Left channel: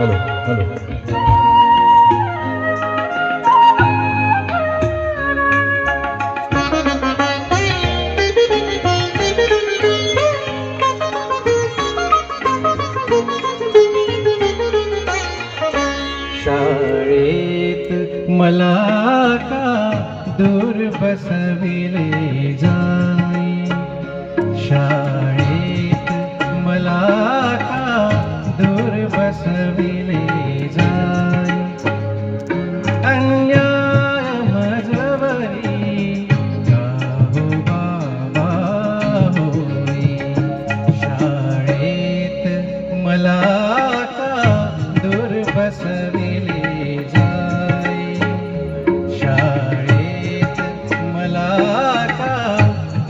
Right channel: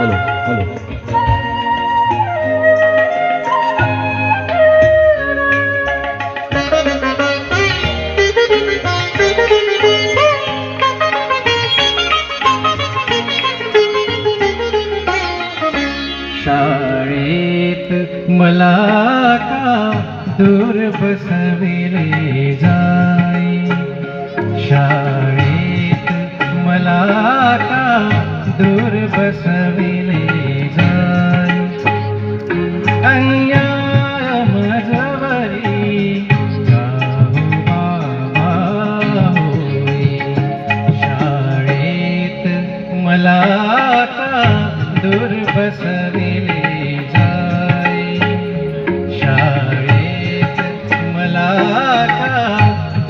Hello hello. शाळेत मला का दूर बसविले जाई, शाळेत मला का दूर बसविले जाई. अन्याय मजवरी गाहो बाबा होई, शाळेत मला का दूर बसविले जाई, शाळेत मला का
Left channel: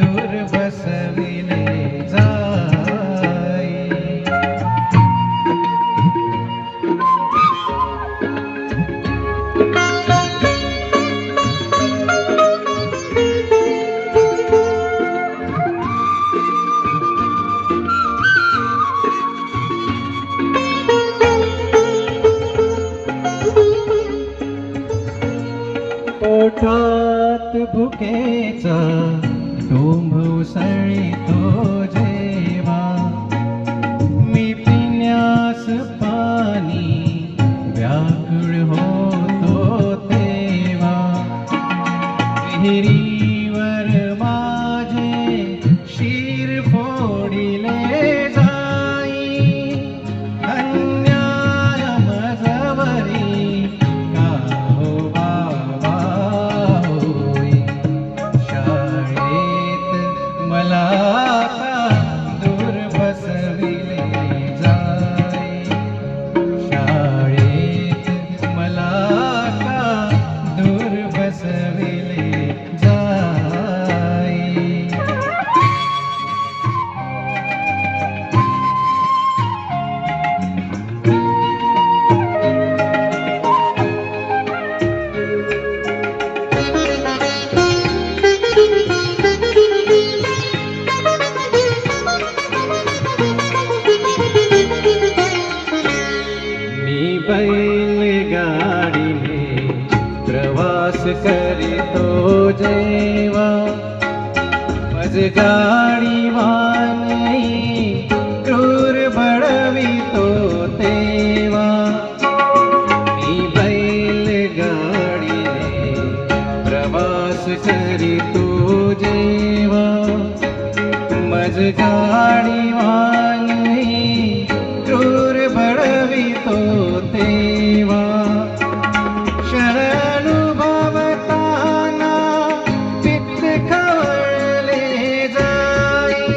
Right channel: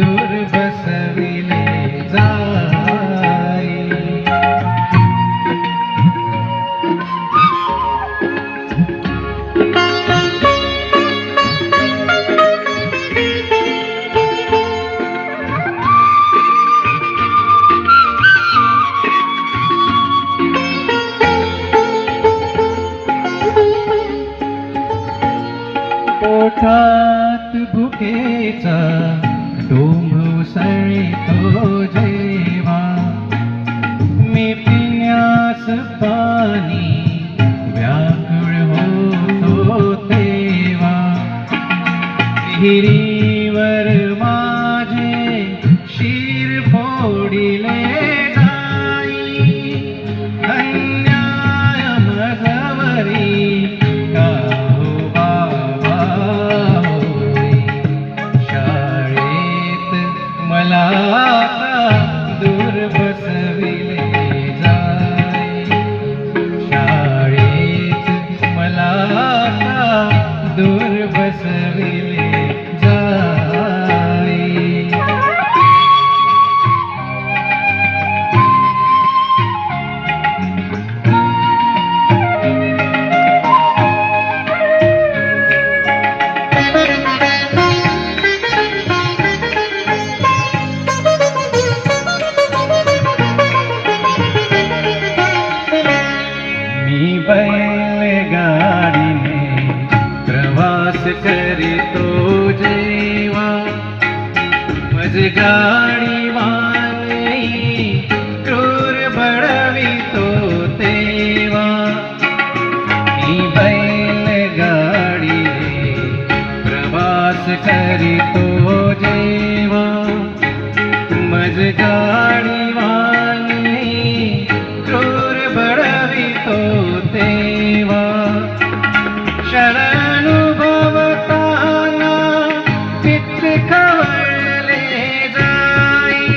दूर बसविले जाई. पोटात भुकेचा डोंब उसळतो जेव्हा, मी पिण्यास पाणी व्याकुळ होतो तेव्हा. विहिरीवर माझे शिर फोडिले जाई, अन्याय मजवरी गाहो बाबा होई, शाळेत मला का दूर बसविले जाई, शाळेत मला का दूर बसविले जाई. मी बैलगाडीने प्रवास करीतो जेव्हा, मज गाडीवाने क्रूर बळवितो तेव्हा. मी बैलगाडीने प्रवास करीतो जेव्हा, मज गाडीवाने क्रूर बळवितो तेव्हा. क्षणानुभवताना चित्त खवळले जाई,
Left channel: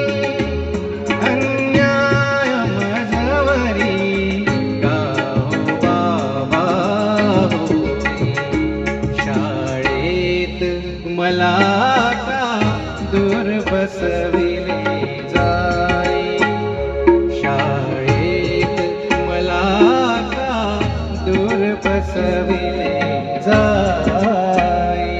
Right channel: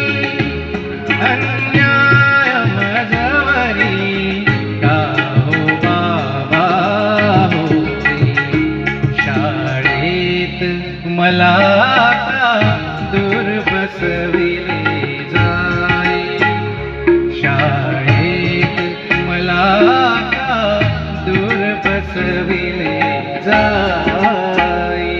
अन्याय मजवरी गाहो बाबा होई, शाळेत मला का दूर बसविले जाई, शाळेत मला का दूर बसविले जाई.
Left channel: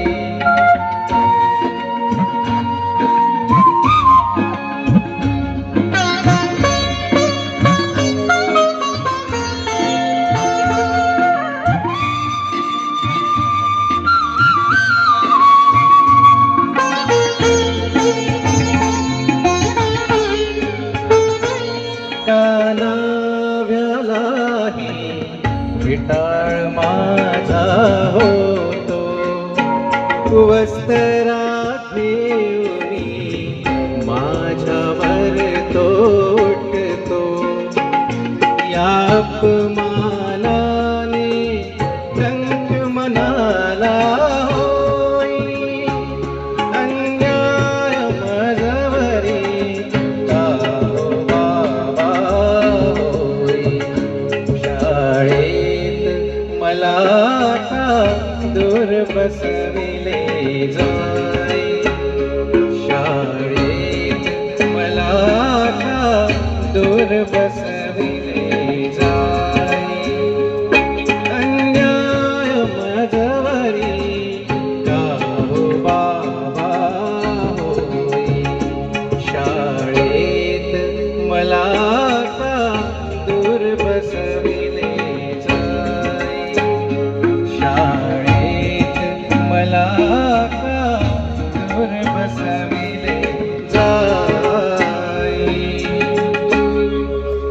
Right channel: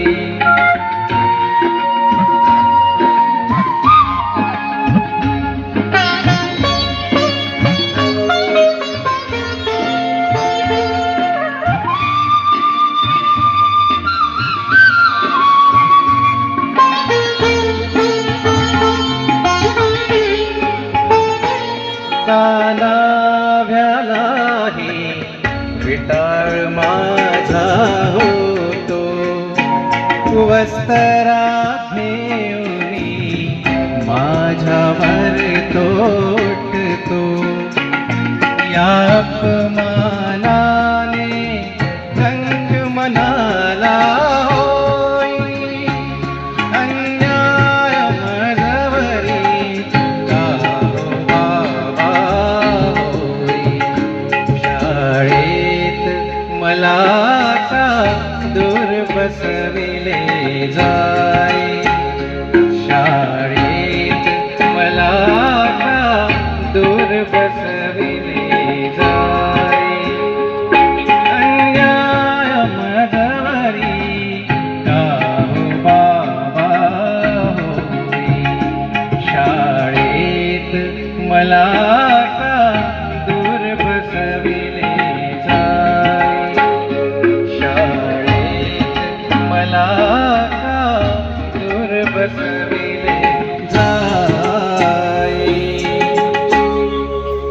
तानाव्यालाही विटाळ माझा होतो, वस्त्रात नेवरी माझ्यावर तोटतो. या अपमानाने रंग मनाला होई, अन्याय मजवरी गाहो बाबा होई, शाळेत मला का दूर बसविले जाई, शाळेत मला का दूर बसविले जाई. अन्याय मजवरी गाहो बाबा होई, शाळेत मला का दूर बसविले